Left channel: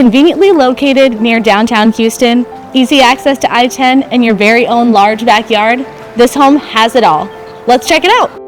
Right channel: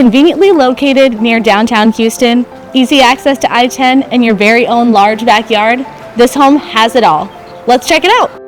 Conveniently located near downtown Houston, easy access to I-10, and your very own large backyard, this home has it all. Let's check it out.